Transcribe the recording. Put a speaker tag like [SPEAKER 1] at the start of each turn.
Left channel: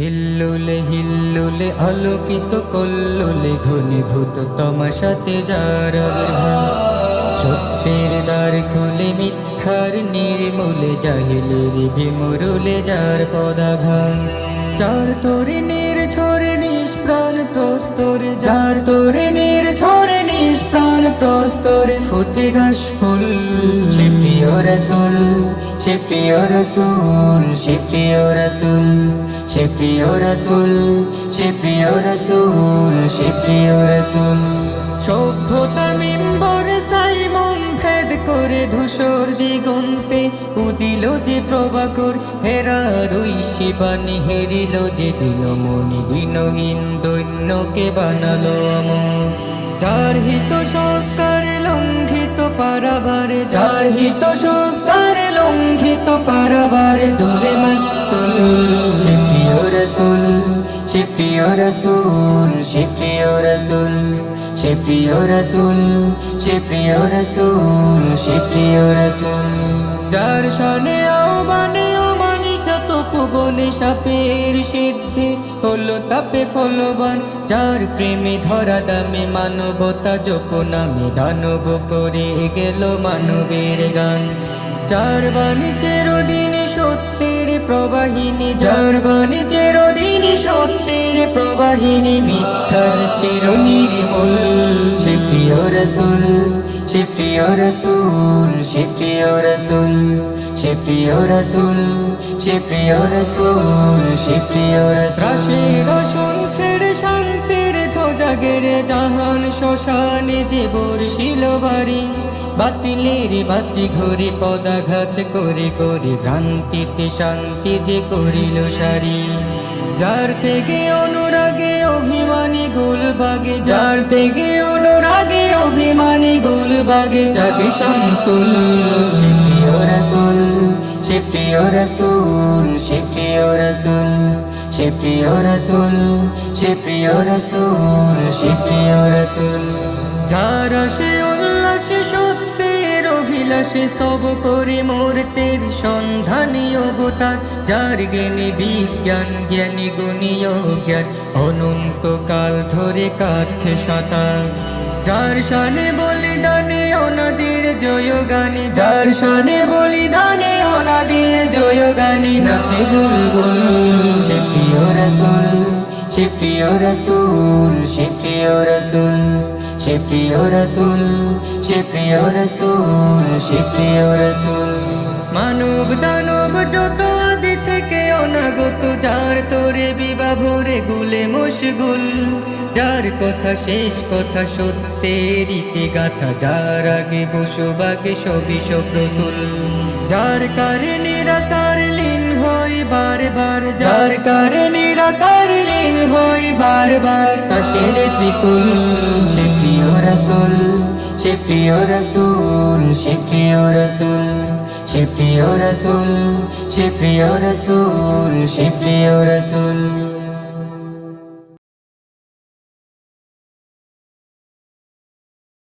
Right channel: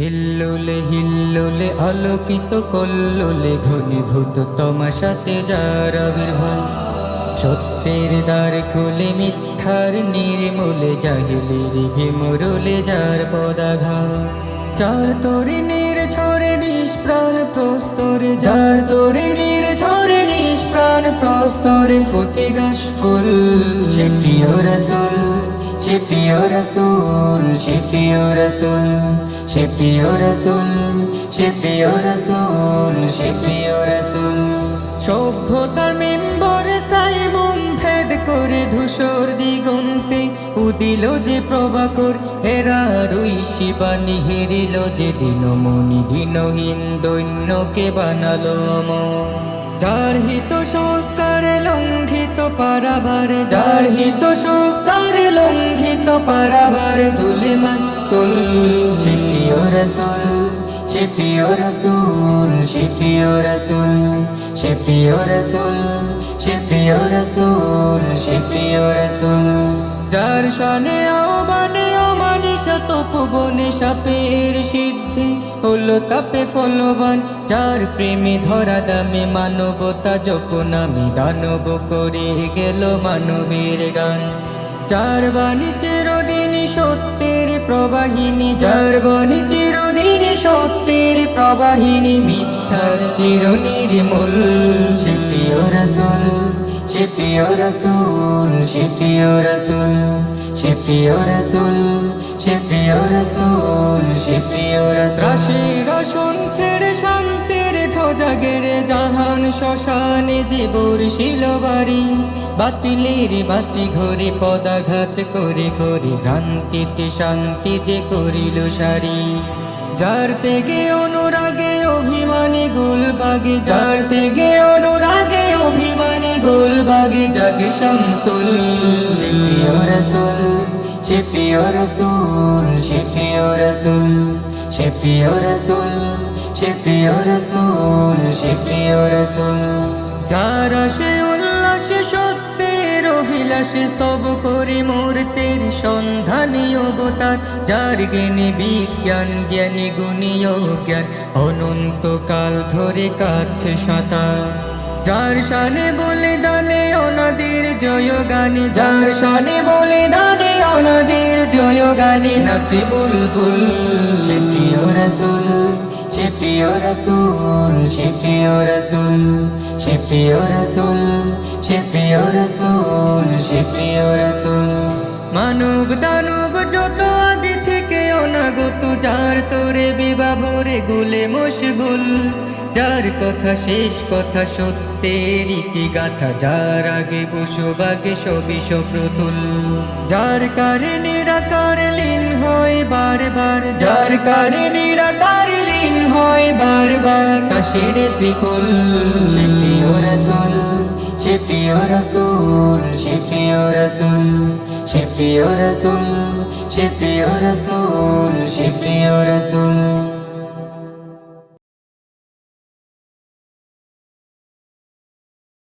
[SPEAKER 1] হিল্লুলে হিল্লুলে আলোকিত কল্লোলে ঘনীভূত তমাশাতে যার আবির্ভাব। সত্যের দ্বার খুলে মিথ্যার নির্মূলে জাহিলের ভীমরুলে যার পদাঘাত। চার তরিণীর ছড়ে নিষ্প্রাণ প্রস্তরে যার তরিণীর ছড়ে নিষ্প্রাণ প্রস্তরে ফুটে গাছ ফুল। সে প্রিয় রসুল, সে প্রিয় রসুল, সে প্রিয় রসুল। সে প্রিয় রসুল, সে প্রিয় রসুল, সে প্রিয় রসুল। সভ্যতার মেম্বরে সাইমুম ভেদ করে ধূসর দিগন্তে উদিল যে প্রভাকর, হেরার ওই শিবানী হেরিল যে দিনমণি দিনহীন দৈন্যকে বানালো অমর। যার হিত সংস্কারে লঙ্ঘিত পারাবারে, যার হিত সংস্কারে লঙ্ঘিত পারাবারে, দুলে মাস্তুল সে প্রিয় রসুল, সে প্রিয় রসুল, সে প্রিয় রসুল, সে প্রিয় রসুল, সে প্রিয় রসুল। যার শানে আহ্বানে অমানিশত পুবনে সাপের সিদ্ধি হলো তাপে ফলবান। যার প্রেমে ধরা দামে মানবতা জপ নামে দানব করে গেল মানবের গান। যার বাণী চিরদিন সত্যের প্রবাহিনী যার বাণী চিরদিন সত্যের প্রবাহিনী মিথ্যার চিরনির্মূল সে প্রিয় রসুল, সে প্রিয় রসুল, সে প্রিয় রসুল, সে প্রিয় রসুল, সে প্রিয় রসুল, সে প্রিয় রসুল। রাশি রসুন ছেড়ে শান্তির গেড়ে জাহান শ্মশানে জীবর শিলবাড়ি বাতিলের বাতি ঘরে পদাঘাত করে করে ভ্রান্তিতে শান্তি যে করিল সারি। যার থেকে অনুরাগে অভিমানী গুলবাগে, যার থেকে অনুরাগে অভিমানী গুলবাগে জাগে শামসুল। সে প্রিয় রসুল, সে প্রিয় রসুল, সে প্রিয় রসুল। সে প্রিয় রসুল, সে প্রিয় রসুল, সে প্রিয় রসুল। যারা সে উল্লাসে, সত্যের অভিলাষে স্তব করে মূর্তের সন্ধানী অবতার, যার জ্ঞানী বিজ্ঞান, জ্ঞানী গুণীয় জ্ঞান, অনন্তকাল ধরে কাছে সাঁতার। যার শানে বলে দানে অনাদির জয় গানে যার শানে বলে দানে অনাদির জয় গানে নাচে বুলবুল। সে প্রিয় রসুল, সে প্রিয় রসুল, সে প্রিয় রসুল, সে প্রিয় রসুল, সে প্রিয় রসুল, সে প্রিয় রসুল। মানব দানব যত আদি থেকে অনাগত যার তোরে বিবাহ ভরে গুলে মশগুল, যার কথা শেষ কথা সত্যের ইতিগাথা যার আগে বসবাগে সবই সপ্রতুল। যার কারে নিরাকার লীন হয় বারবার, যার কারে নিরাকার লীন হয় বারবার তাসের ত্রিকুল, সে প্রিয় রসুল, সে প্রিয় রসুল, সে প্রিয় রসুল। সে প্রিয় রসুল সে প্রিয় রসুল সে প্রিয় রসুল।